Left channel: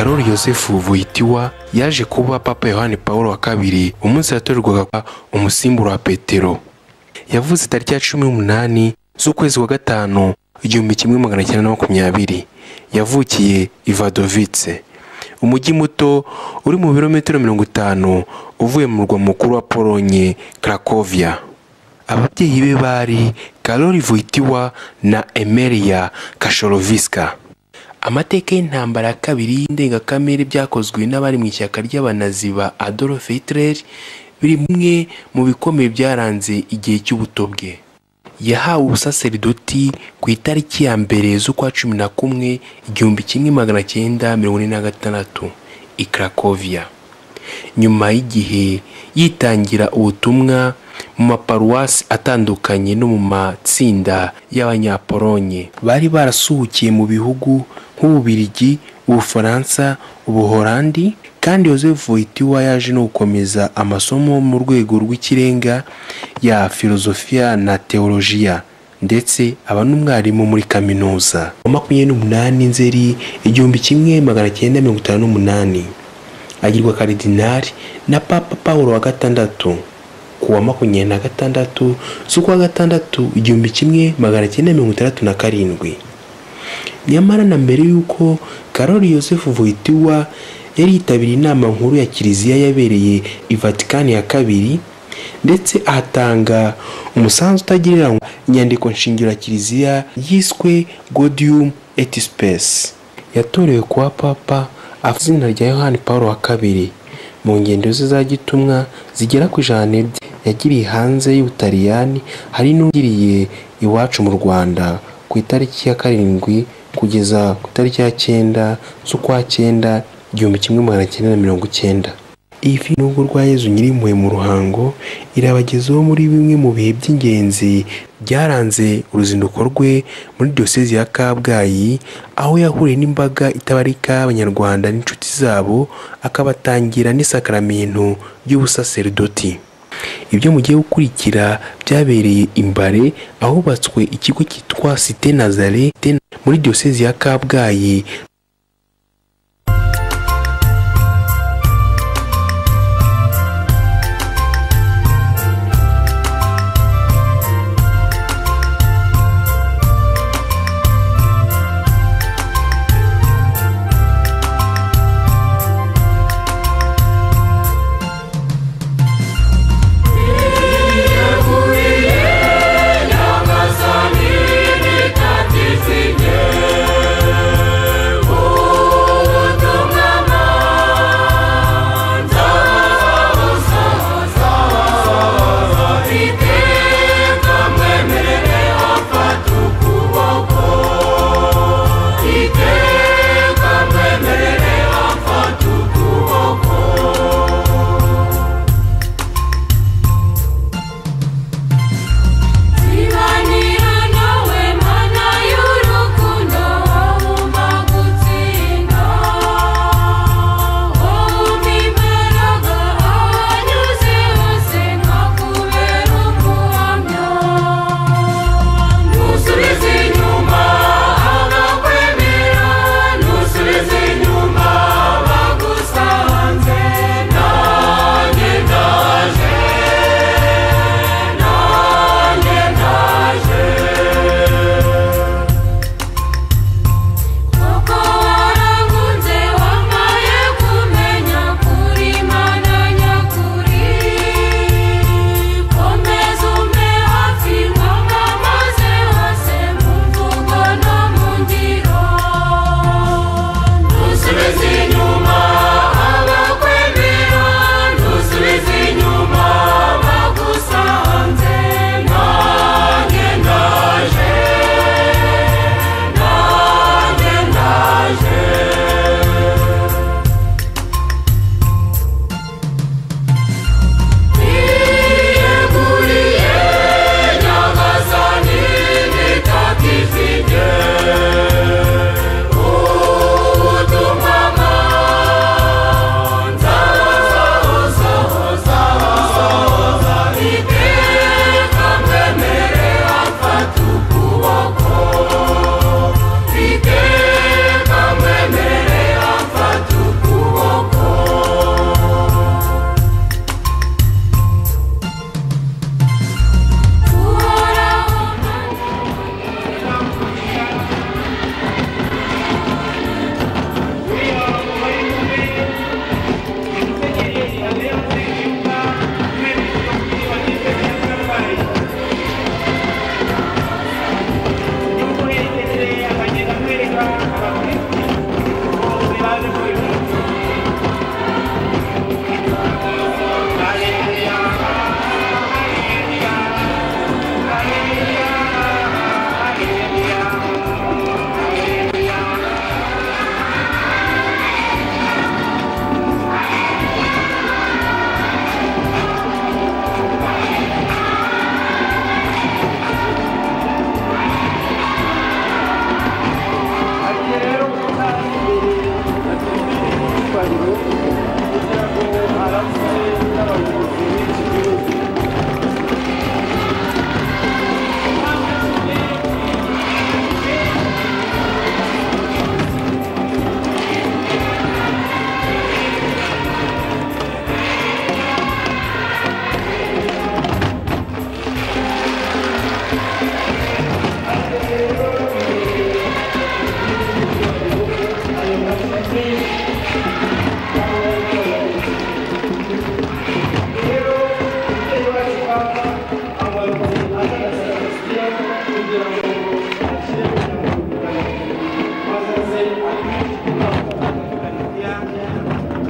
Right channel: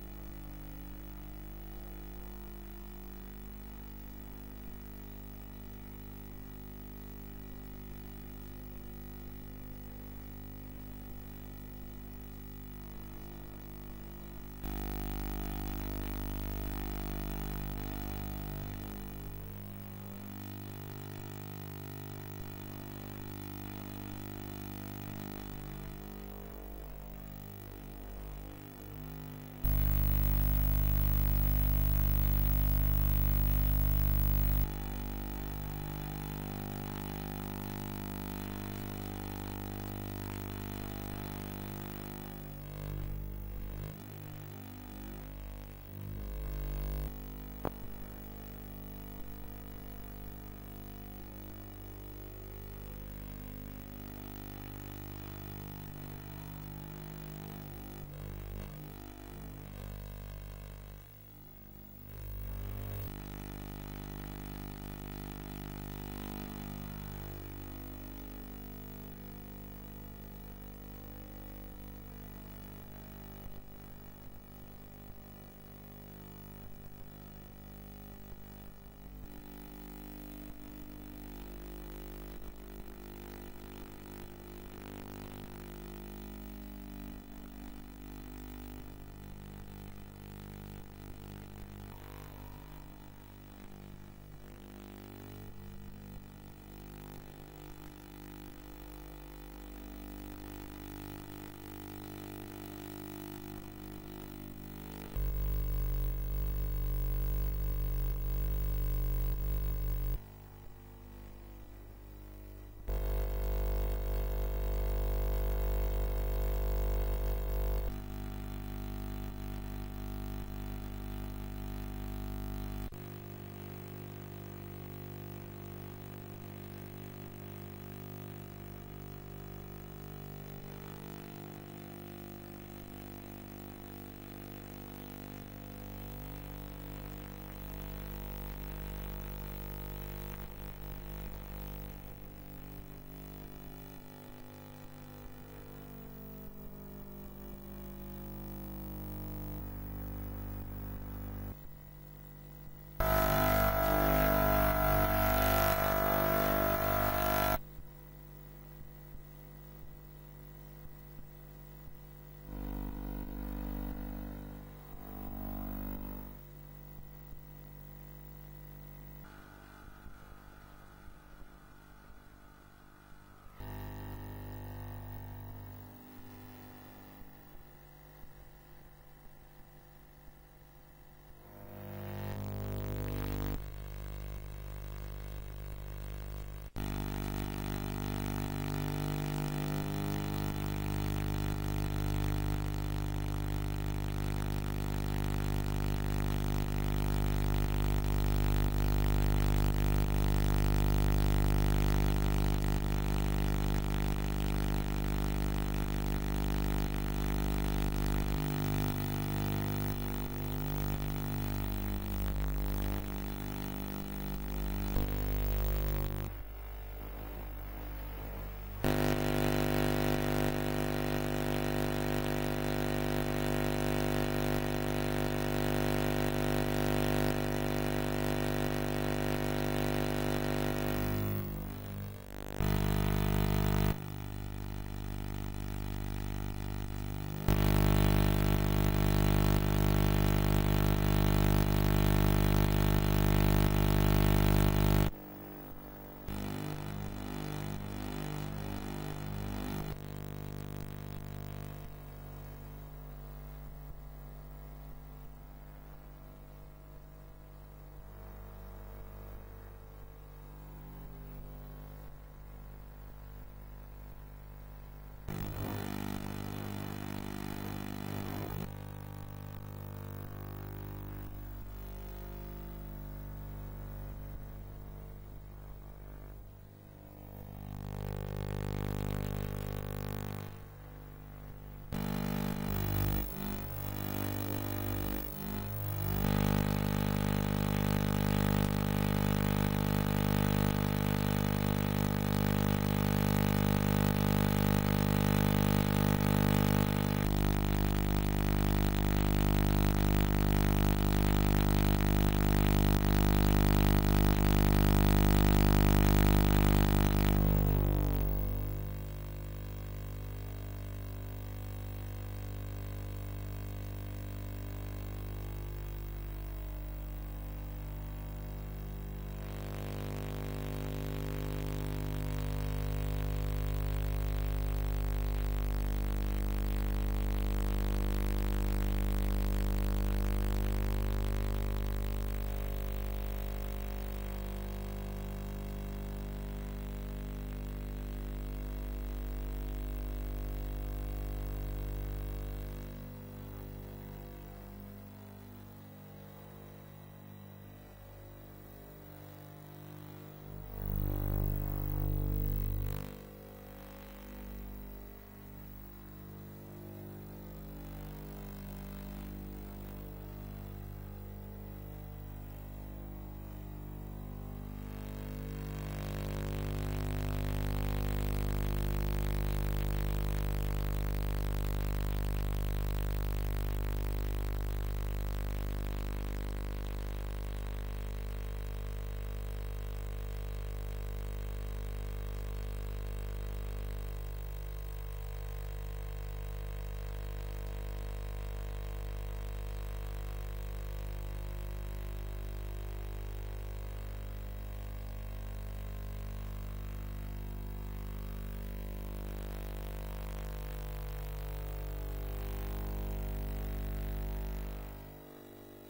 Karoli Yosefu Wojtyła yaje kuba Papa Yohani Pawulo wa kabiri umunsi yatorerwaga umusimbura wa Petero. Yavuze tariki ya 18 z'ukwezi kwa gatanu 1920. Yavukiye i Wadowice, umujyi muto uri mu birometero 50 uvuye mu murwa mukuru wa Polonye, Cracovia. Ababyeyi be bari Karoli Wojtyła na Emilia Kaszorowska. Amateka y'intambara ya kabiri y'indengakamere byakozwe n'abari mu ishyaka ry'abanazi ba Adolf Hitler biri bimwe mu bikomeye byaranze igihe cy'ubuto bwe. Yahawe ubusaserdoti ku itariki ya mbere z'ukwa 11 1946 i Cracovia. Nyuma y'igihe yitangira ubutumwa mu maparuwasi atandukanye no mu matsinda y'abanyapolonye bari barasuhukiye mu bihugu nk'Ububiligi, Ubufaransa, Ubuholandi, kandi Joseph Wojtyła yaje no gukomeza amasomo mu rwego rw'ikirenga ya filozofiya na teolojiya, ndetse aba n'umwarimu muri kaminuza. 28 Nzeri 1958 agirwa karidinali na Papa Paulo wa gatandatu kuwa 26 z'ukwa gatandatu 1967. Nyamara na mbere yuko Karoli Yosefu Wojtyła yari yitabiriye inama nkuru ya Kiliziya yabereye i Vatikani ya kabiri, ndetse ahatanga umusanzu utagereranywa inyandiko nshingiro ya Kiliziya yiswe Gaudium et Spes. Yatorewe kuba Papa afite izina rya Yohani Pawulo wa kabiri. Mu ngendo ze za gitumwa zigera ku 100 yagiriye hanze y'Ubutaliyani, hari n'ugiriye iwacu mu Rwanda ku itariki ya 7 kugeza ku itariki ya 9 z'ukwa 9 1990. Ifi n'ubwo rwa Yezu Nyirimpuhwe mu Ruhango irabagezeho muri bimwe mu bihe by'ingenzi byaranze uruzinduko rwe muri diocese ya Kabgayi, aho yahuriye n'imbaga itabarika y'Abanyarwanda n'inshuti zabo, akabatangira n'isakramento y'ubusaserdoti. Ibyo mugiye gukurikira byabereye imbare ahubatswe ikigo cyitwa Cité Nazareth muri diocese ya Kabgayi. cyubahiro kugira ngo aramutse n'abayobozi b'iki gihugu.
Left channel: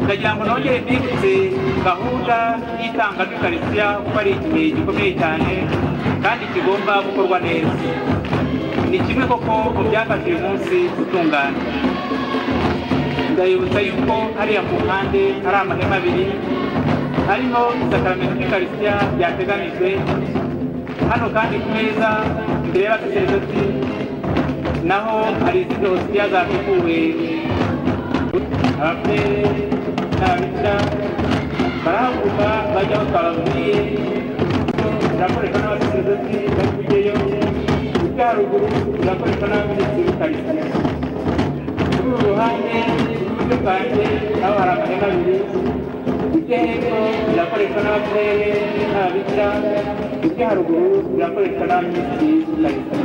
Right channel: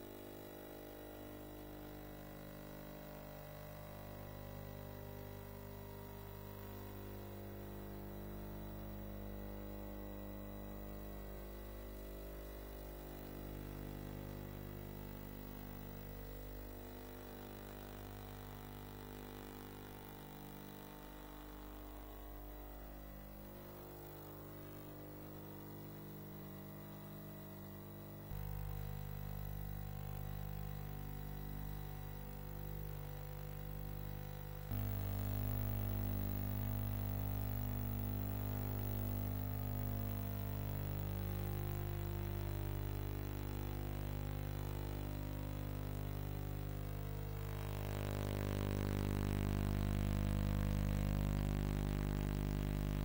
Ndagira ngo nongere mbibutse gahunda y'itanga ry'Ukaristiya kuko ari igihe gikomeye cyane kandi kigomba gukorwa neza. Ni kimwe koko mu byafashe uyu munsi gutungana. Ndabibutsa yuko hariya ku mpande hari amahema abiri harimo isakaramentu ry'Ukaristiya ryateganijwe. Hano kandi ku meza imbere y'abasaseredoti naho hari izindi hositiya zateguwe. Ababyeyi n'ababikira barahaguruka bajya aho twababwiye, birakoreshwa n'abasaseredoti bari kujyayo. Ujya haruguru birakoreshwa n'abaminisitiri w'Ukaristiya. Kuri uru ruhande rw'iburyo bwanjye naho hari amahema abiri. Ujya hepfo birakoreshwa n'ababyeyi n'ababikira. Ujya haruguru birakoreshwa n'abaminisitiri w'Ukaristiya.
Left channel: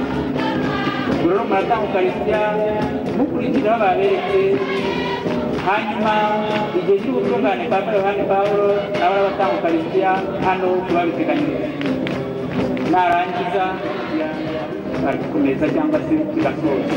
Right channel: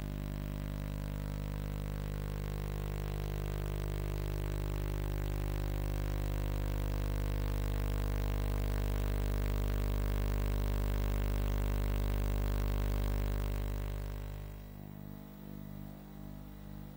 Ubwo rero muratanga Ukaristiya mukurikije aho baberetse, hanyuma igihe cy'ubutungane bwa Yohani Pawulo nawe arabatanga Ukaristiya hano kuba biteganyijwe. Narangiza barakomeza cyangwa se bigasoza.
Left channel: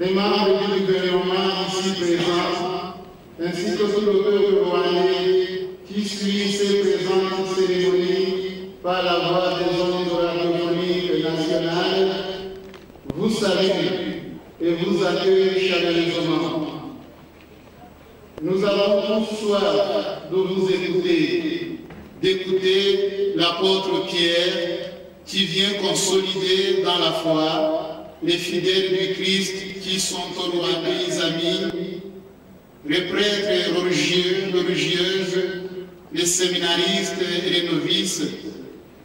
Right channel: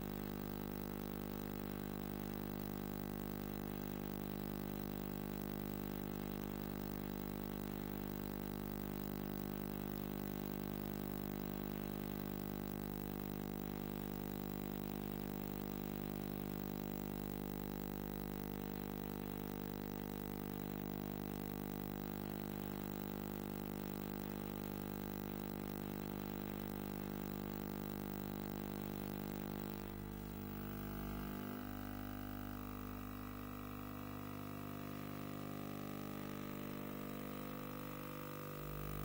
Les membres du gouvernement ici présents, ainsi que tout le peuple rwandais qui suit ces présentes cérémonies par la voix des ondes radiophoniques nationales, vous salue et vous accueille chaleureusement. Nous avons tous soif de vous écouter, d'écouter l'apôtre Pierre qui vient consolider dans la foi les fidèles du Christ qui sont au Rwanda, les amis, les prêtres religieux, religieuses, les séminaristes et les novices,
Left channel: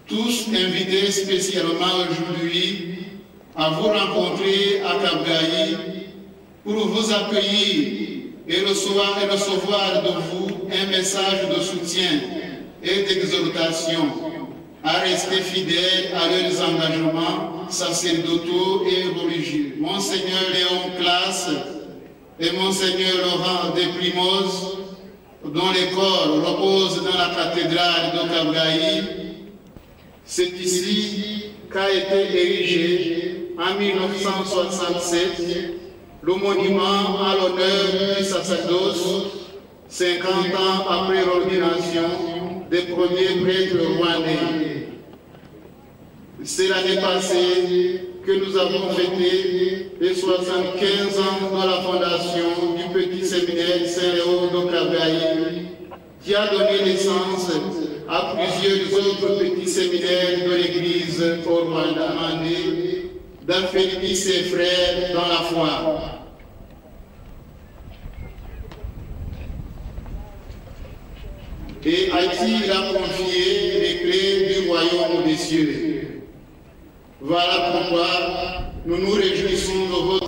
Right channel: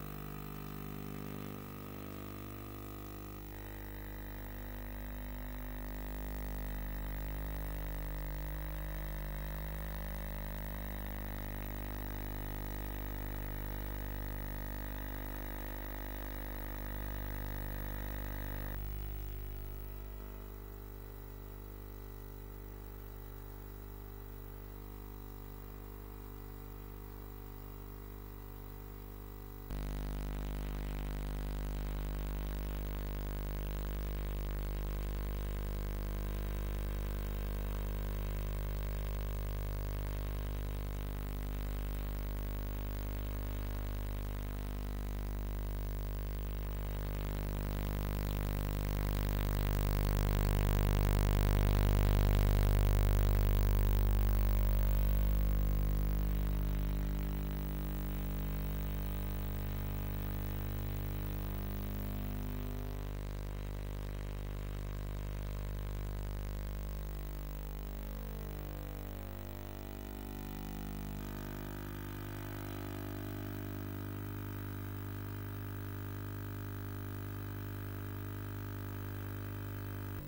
tous invités spécialement aujourd'hui à vous rencontrer à Kabgayi pour vous accueillir et recevoir de vous un message de soutien et d'exhortation à rester fidèles à leurs engagements sacerdotaux et religieux. Monseigneur Léon Classe et Monseigneur Laurent Desprimoz, dont les corps reposent dans la cathédrale de Kabgayi, c'est ici qu'a été érigé en 1967 le monument à l'honneur du sacerdoce, 50 ans après l'ordination des premiers prêtres rwandais. C'est l'année passée que nous avons fêté les 75 ans de la fondation du petit séminaire Saint-Léon de Kabgayi, qui a donné naissance à plusieurs autres petits séminaires de l'Église au Rwanda, d'affermir ses frères dans la foi. Et à qui il a confié les clés du royaume des cieux. Voilà pourquoi nous nous réjouissons de votre...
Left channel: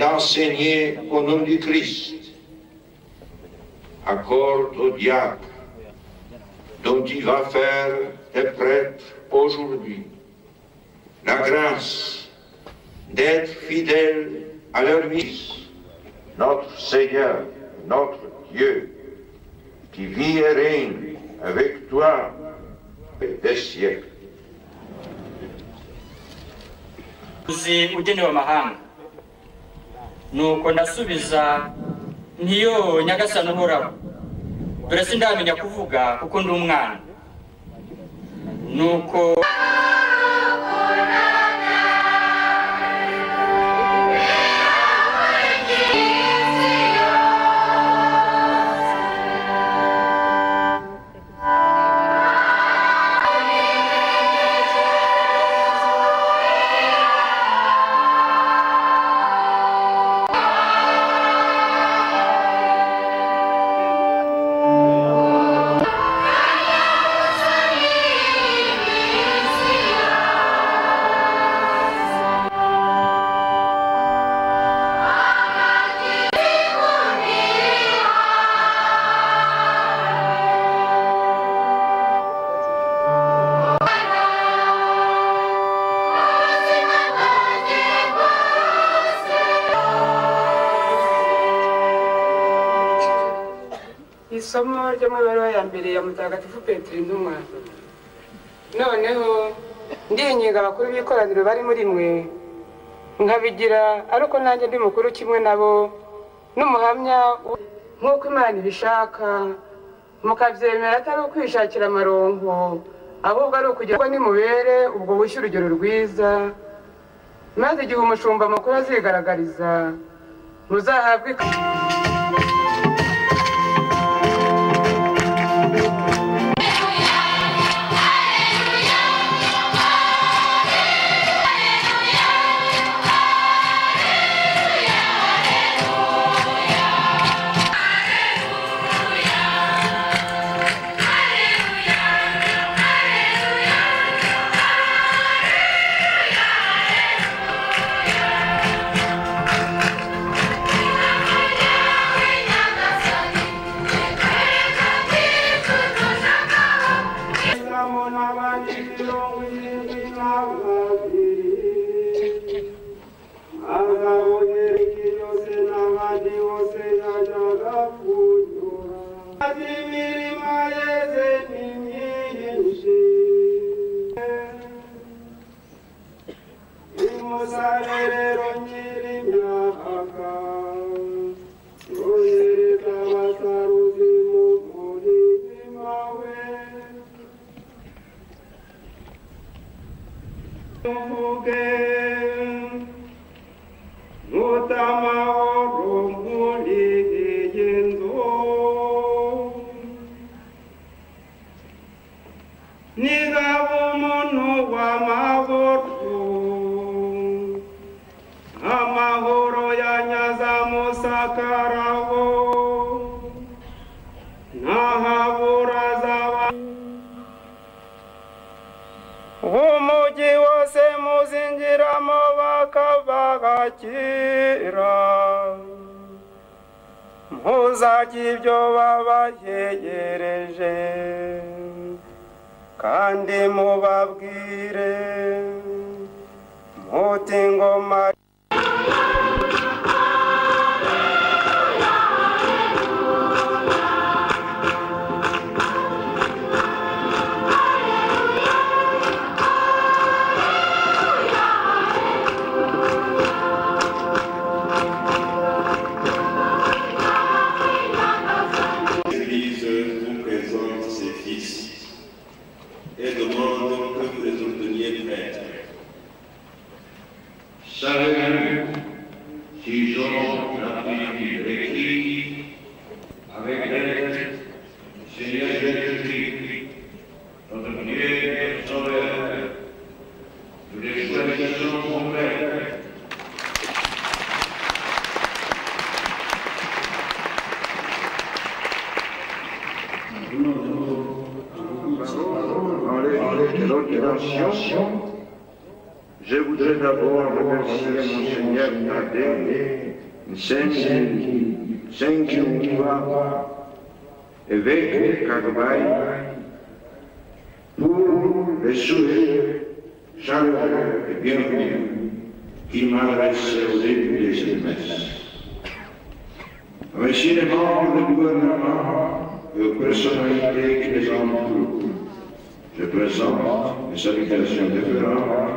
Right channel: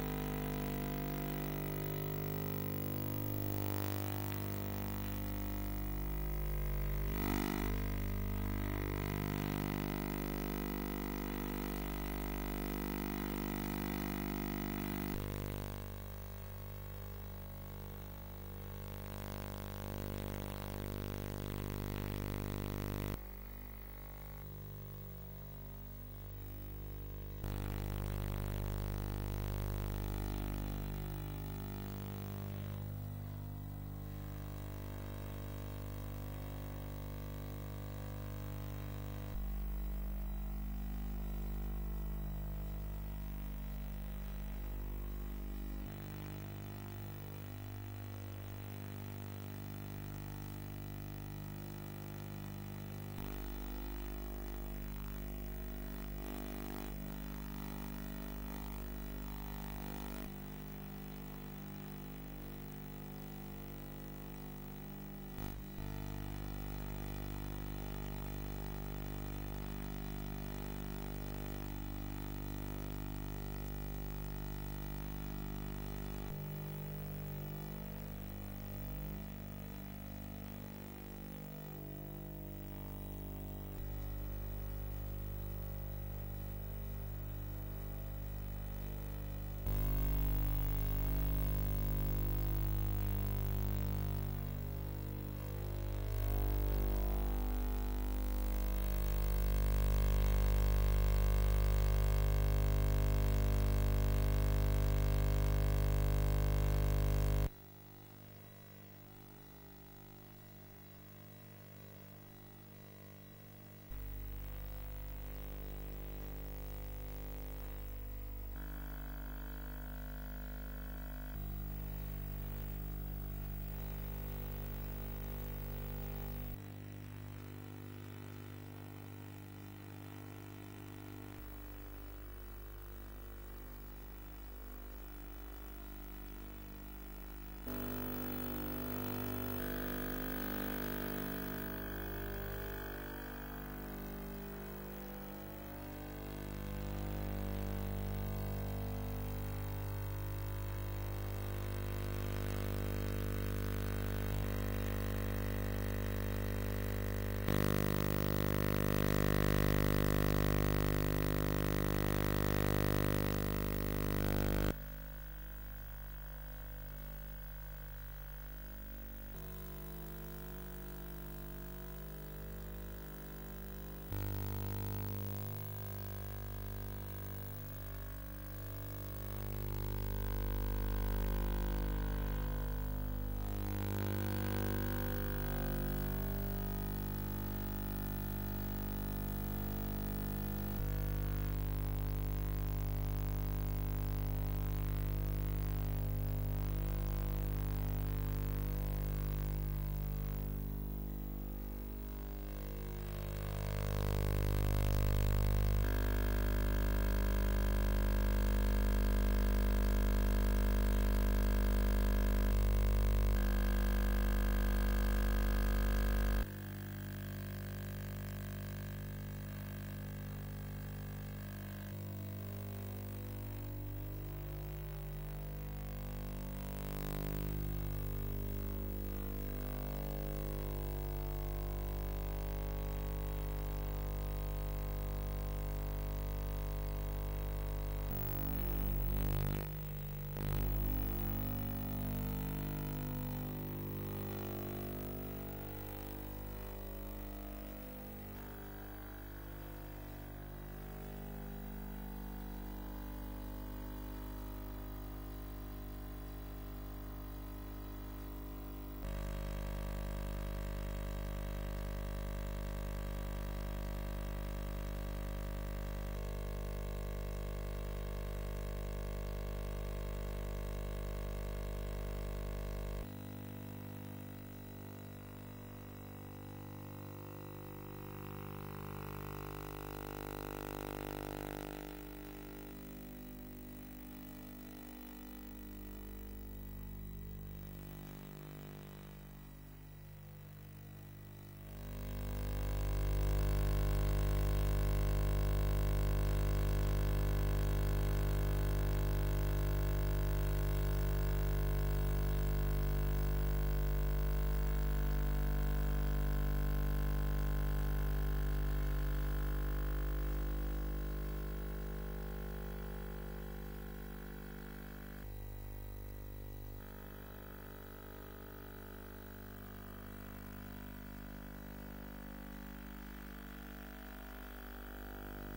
Enseigner au nom du Christ, accorde au diacre dont il va faire des prêtres aujourd'hui la grâce d'être fidèles à leur mission. Notre Seigneur, notre Dieu, qui vit et règne avec toi des siècles. Nuko ndasubiza ntiyo nyagasani uhoraho dore sindamenya kuvuga kuko ndi umwana nuko isomo ryo mu ibaruwa ya mbere ya Mutagatifu Petero intumwa. Noneho ndinginga abakuru b'ikoraniro bari muri mwe nkabigira ariko nanjye ndi mukuru kimwe nabo n'umuhamya nk'uko Imana ibishaka, mukabyemera atari ukwishakira amaronko ahubwo ari ukugira ngo nimubere ubwo bushye urugero rwiza, maze igihe umushumba mukuru azigaragariza muzahabwe umugi wose muzinjiramo bakabakira mpuzakira ibyo babayegereje kandi mubabwire muti ngoma et demande que vous les obteniez prêtres. Savez-vous si Jean l'Apôtre écrit avec l'aide du Seigneur Jésus-Christ, notre Dieu et Sauveur, nous les choisissons comme prêtres. Je voudrais d'abord remercier Monseigneur Tadeu, Saint-Jean, évêque de Carabaï, pour les souhaits chaleureux et bienvenus qu'il m'a adressés au début de cette messe. Merci les membres du gouvernement et aux personnalités qui les entourent. Je présente mes salutations déférentes.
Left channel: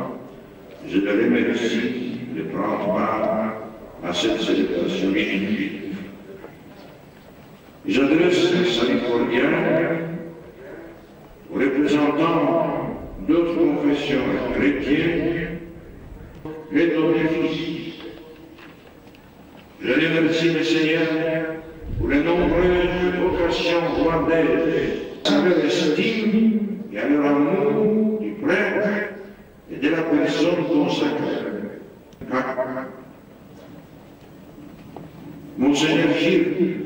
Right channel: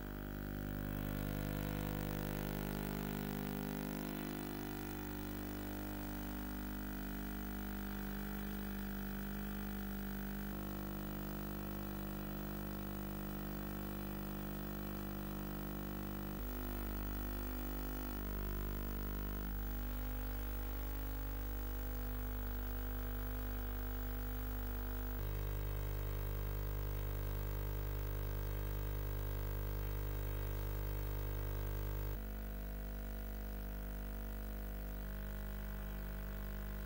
Je les remercie de prendre part à cette célébration liturgique. J'adresse un salut cordial aux représentants d'autres confessions chrétiennes et d'autres fils. Je remercie le Seigneur pour les nombreuses vocations rwandaises, à leur estime et à leur amour du prêtre et de la personne consacrée. Monseigneur Gilles,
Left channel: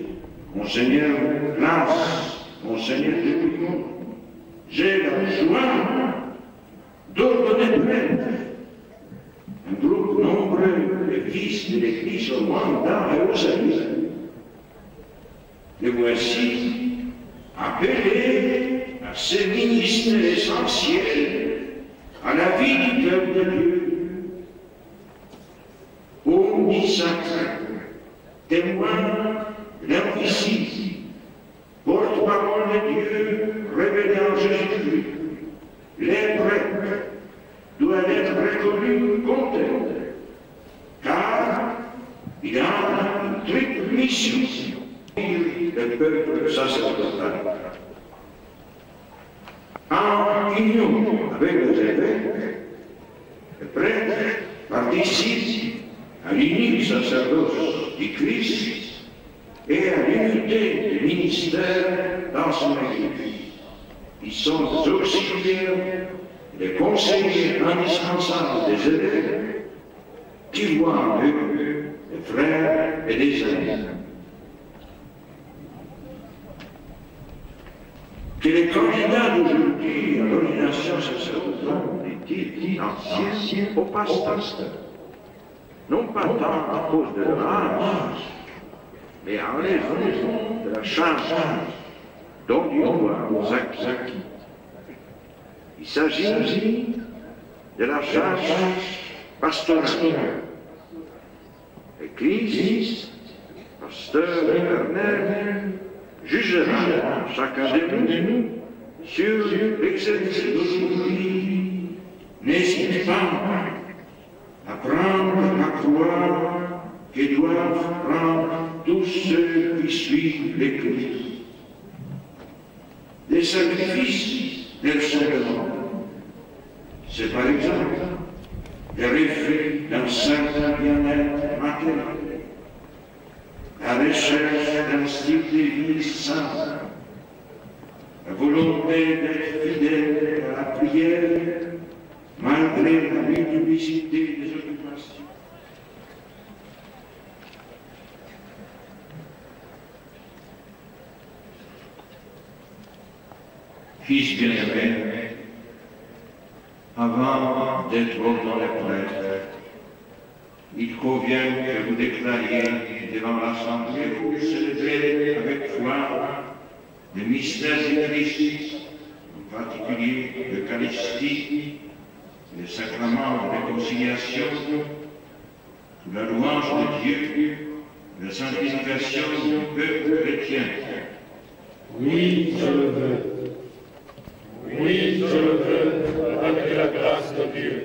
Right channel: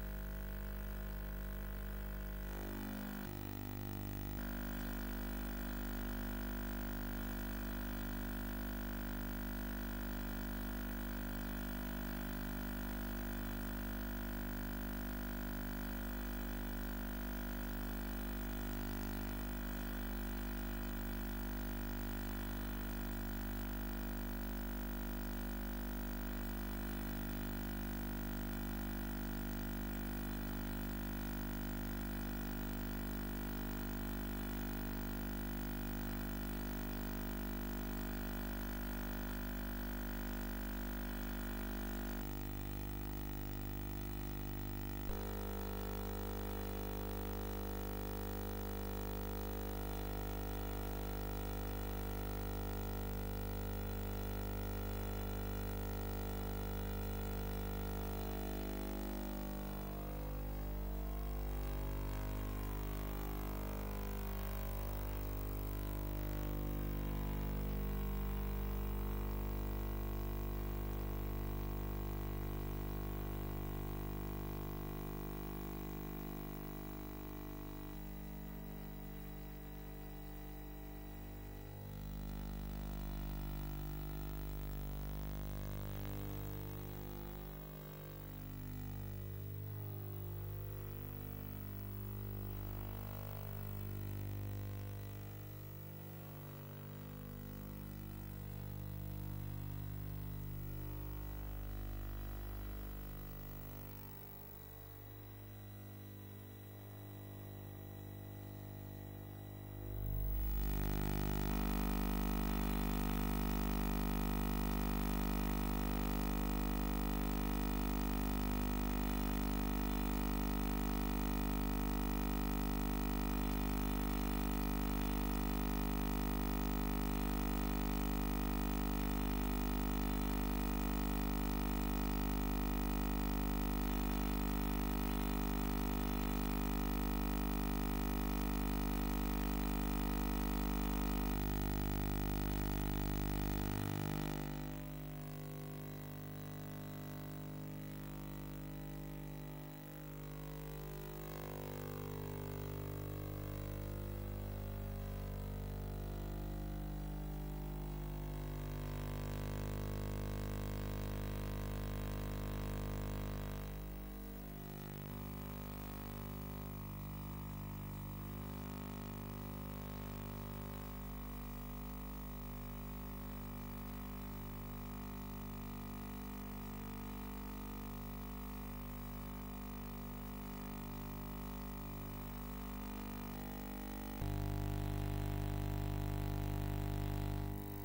Monseigneur Glace, Monseigneur Dupont, j'ai la joie d'ordonner prêtre un groupe nombreux de fils de l'Église au Rwanda et aux Alliés. Les voici appelés à ce ministère essentiel à la vie du peuple de Dieu. Hommes sacrés, témoins l'invisible, porte-parole de Dieu révélé en Jésus-Christ, les prêtres doivent être reconnus comme tels, car il a une triple mission, le peuple sacerdotal. En union avec les évêques, les prêtres participent à l'unique sacerdoce du Christ et à l'unité du ministère dans son Église. Ils sont des auxiliaires, des conseillers indispensables des évêques qui voient en eux des frères et des amis. Que les candidats d'aujourd'hui à l'ordination sacerdotale est-il ancien au pasteur, non pas tant à cause de leur âge, mais en raison de la charge dont ils doivent nous acquis. Ils Il s'agit de la charge pastorale. L'Église, pasteur éternel, jugera chacun de nous sur l'exercice d'aujourd'hui. N'hésitez pas à prendre la croix que doivent prendre tous ceux qui suivent l'Église. Des sacrifices del sacrement. C'est par exemple le refus d'un certain bien-être matériel, la recherche d'un style de vie sain, la volonté d'être fidèle à la prière malgré la multiplicité des occupations. Fils bien-aimé, avant d'être dans les prêtres, il convient que vous déclariez devant l'Assemblée que vous célébrez avec foi le mystère du Christ, en particulier l'Eucharistie, le sacrement de réconciliation, sous la louange de Dieu, la sanctification du peuple chrétien. Oui, je le veux. Oui, je le veux, avec la grâce de Dieu.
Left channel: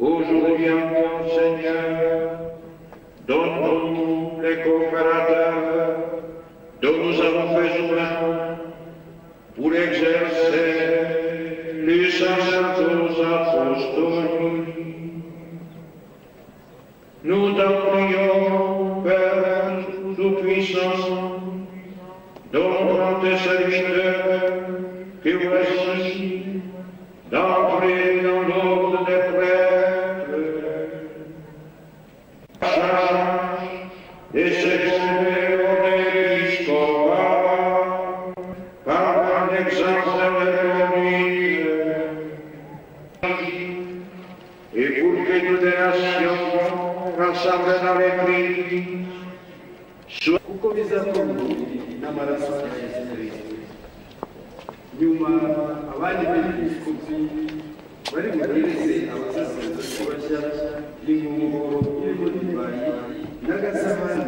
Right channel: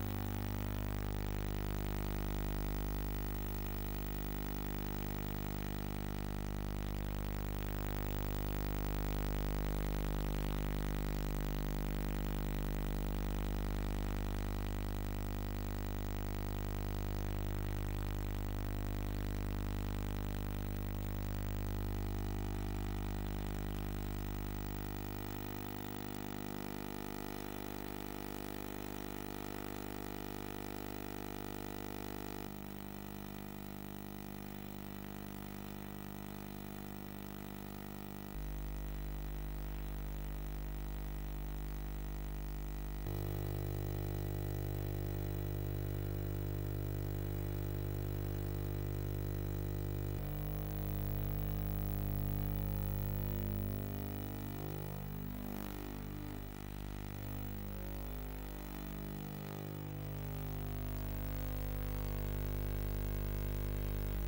Aujourd'hui encore, Seigneur, donne-nous les coopérateurs dont nous avons besoin pour exercer les sacerdoces apostoliques. Nous t'en prions, Père Tout-Puissant, donne tes serviteurs que voici d'entrer dans l'ordre des prêtres, charge de s'exprimer au épiscopat par un exemple de conduite, et pour que toutes les nations rassemblées dans l'Église soient n'amaraso ya Yesu Kristo. Nyuma abandi bepiskopi bari buhereze abasaseredoti bashya ingunguru y'irimo divayi n'agasabane.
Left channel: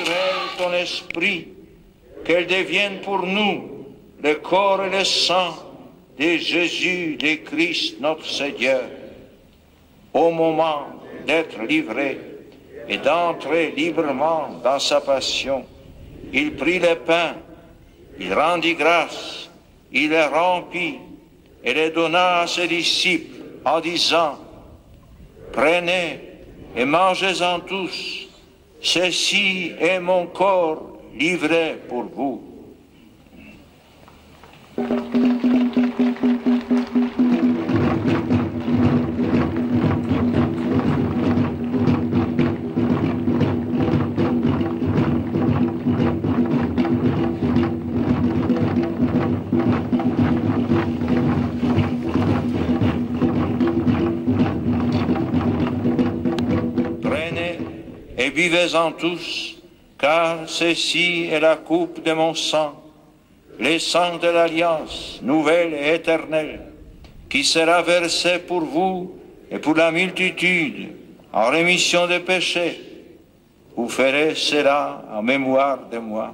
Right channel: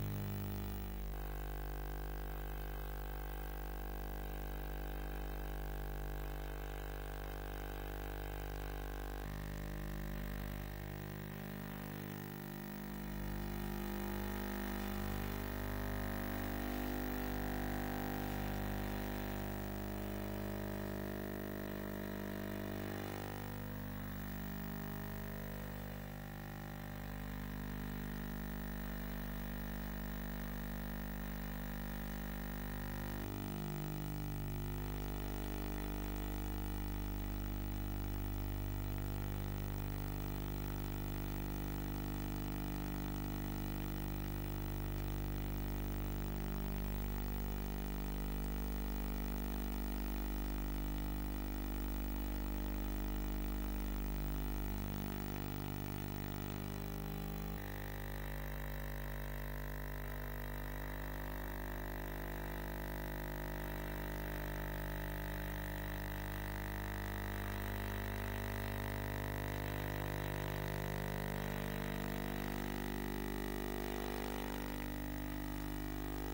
naturel ton esprit, qu'elle devienne pour nous le corps et le sang de Jésus, de Christ notre Seigneur. Au moment d'être livré et d'entrer librement dans sa passion, il prit le pain, il rendit grâce, il le rompit et le donna à ses disciples en disant: prenez et mangez-en tous, ceci est mon corps livré pour vous. Et buvez-en tous, car ceci est la coupe de mon sang, le sang de l'alliance nouvelle et éternelle, qui sera versé pour vous et pour la multitude en rémission des péchés. Vous ferez cela en mémoire de moi.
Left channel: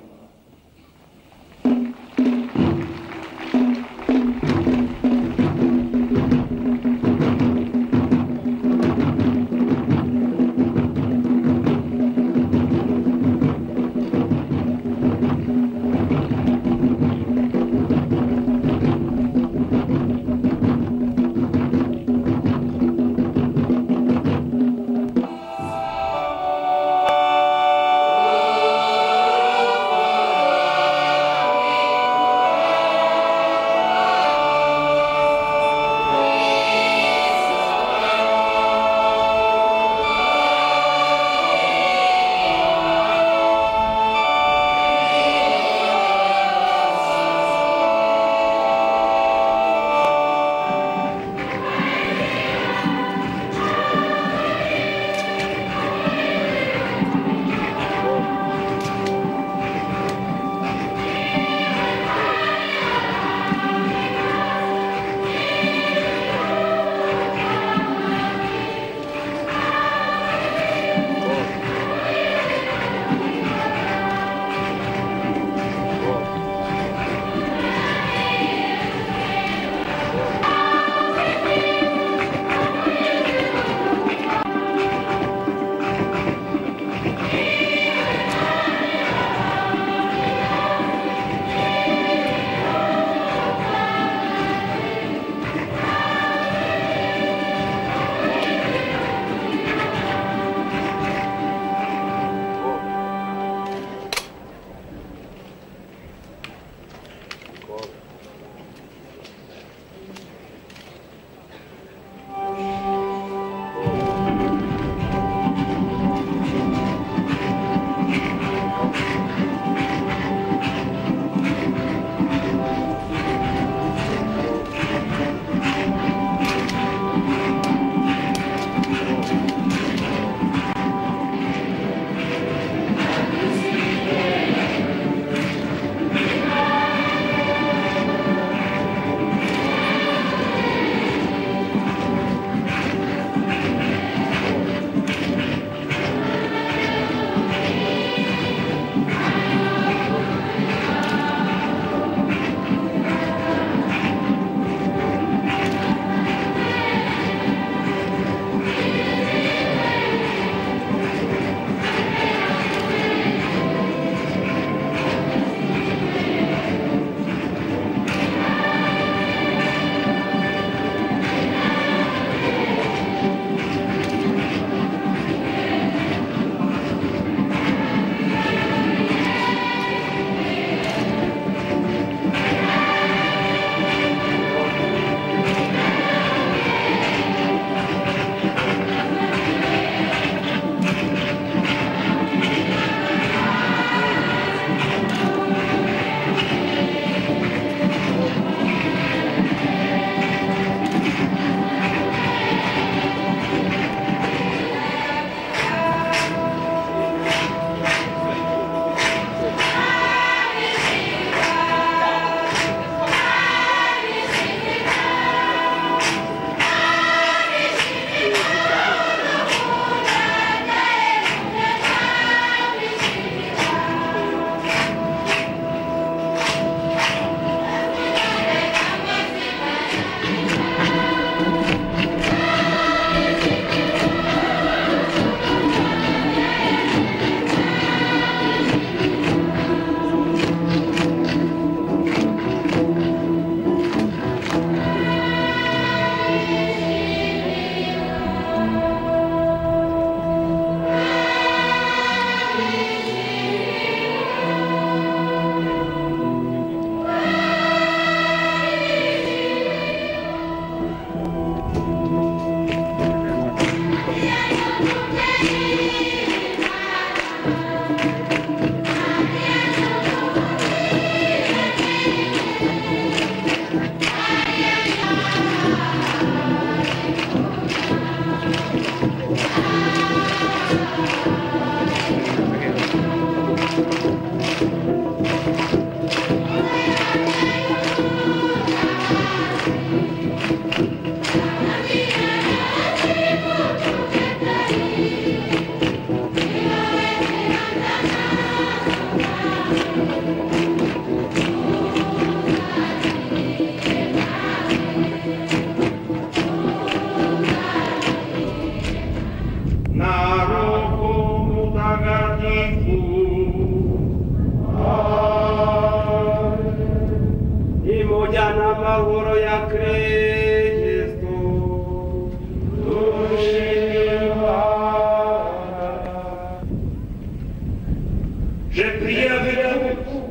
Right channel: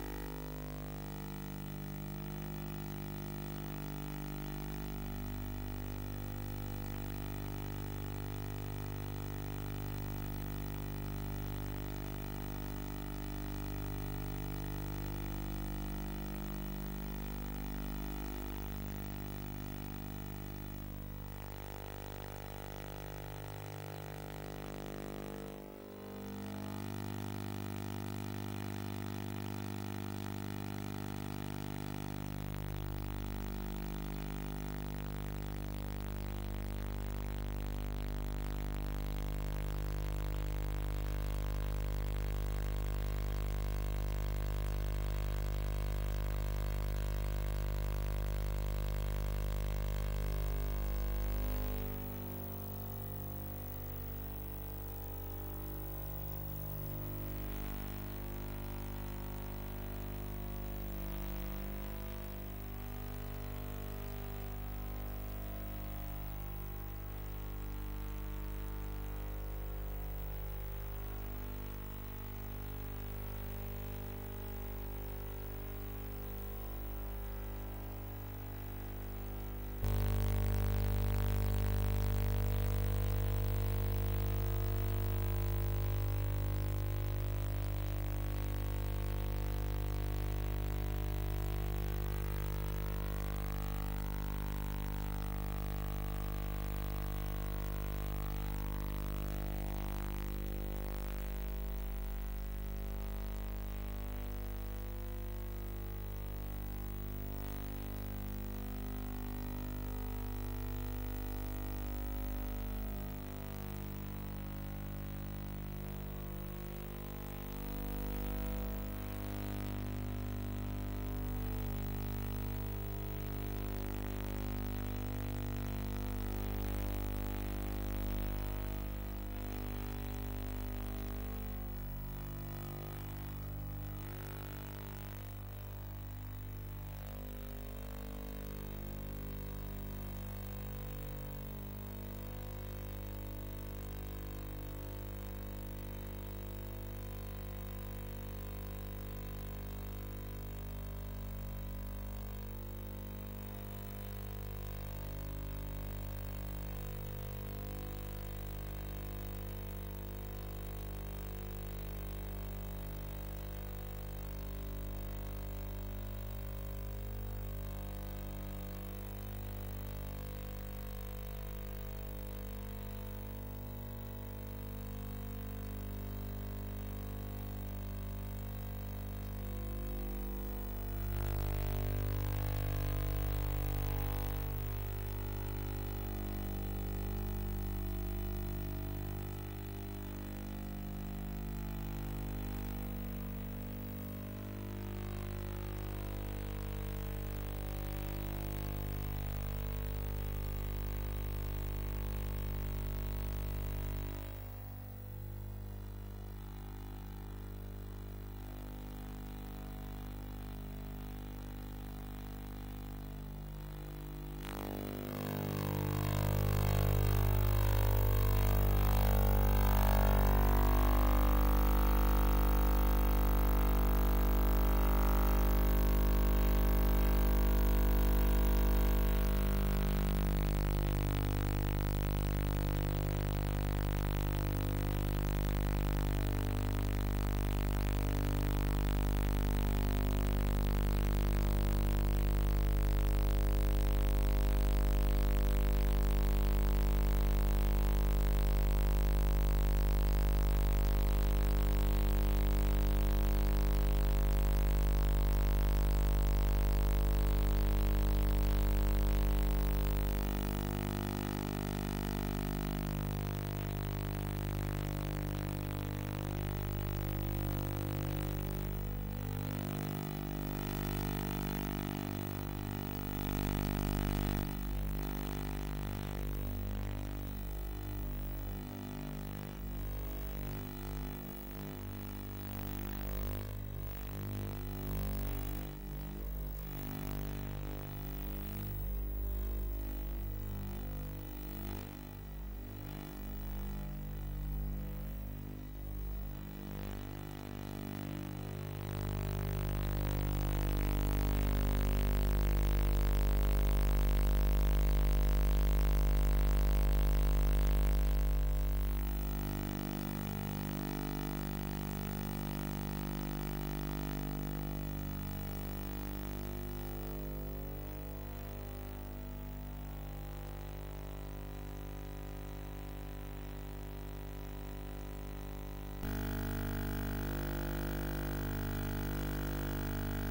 j'ai prié avec vous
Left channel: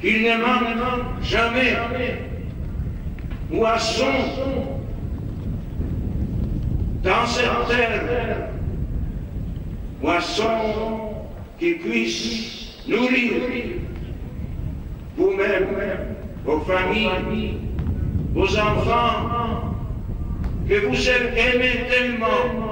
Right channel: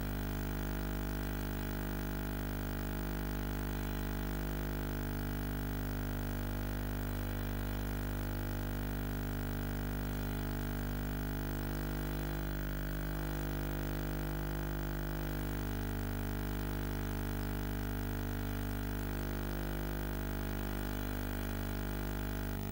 qu'il ne manque jamais moisson dans cette terre, moisson qui puisse nourrir vous-même, vos familles, vos enfants, que vous aimez tellement.